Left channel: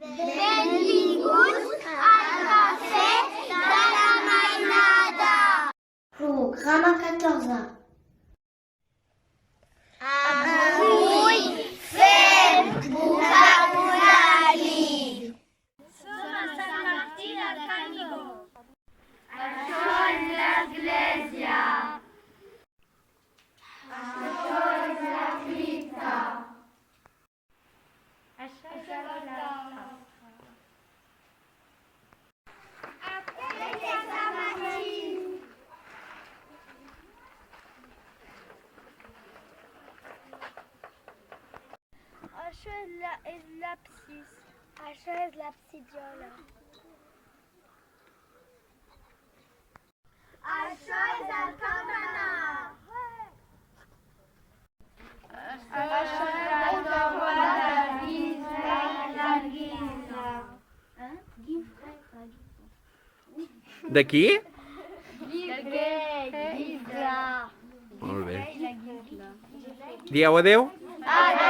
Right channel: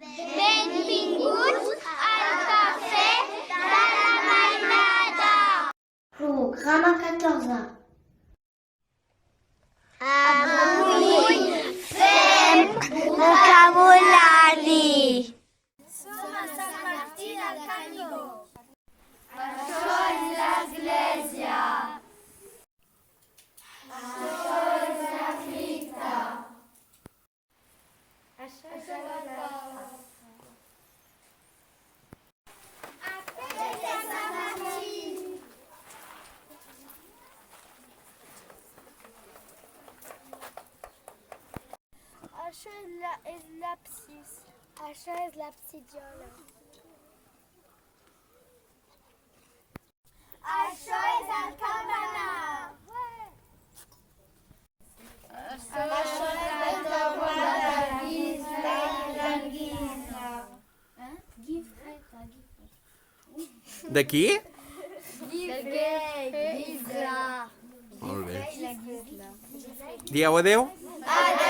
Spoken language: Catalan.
Benvinguts al Cafè de la Mainada. Programa 14. Avui fem vocabulari. Som a Sant Martí del Canigó. Això és l'església. Això és la cripta. Això és la plaça. Aquest és Sant Martí. Això és l'absis. Això és l'absidiola. Això és el campanar. Això és la torre de Guisa i l'Anguisa. De qui? Guisa. Molt bé. Dieu adeu. Adéu.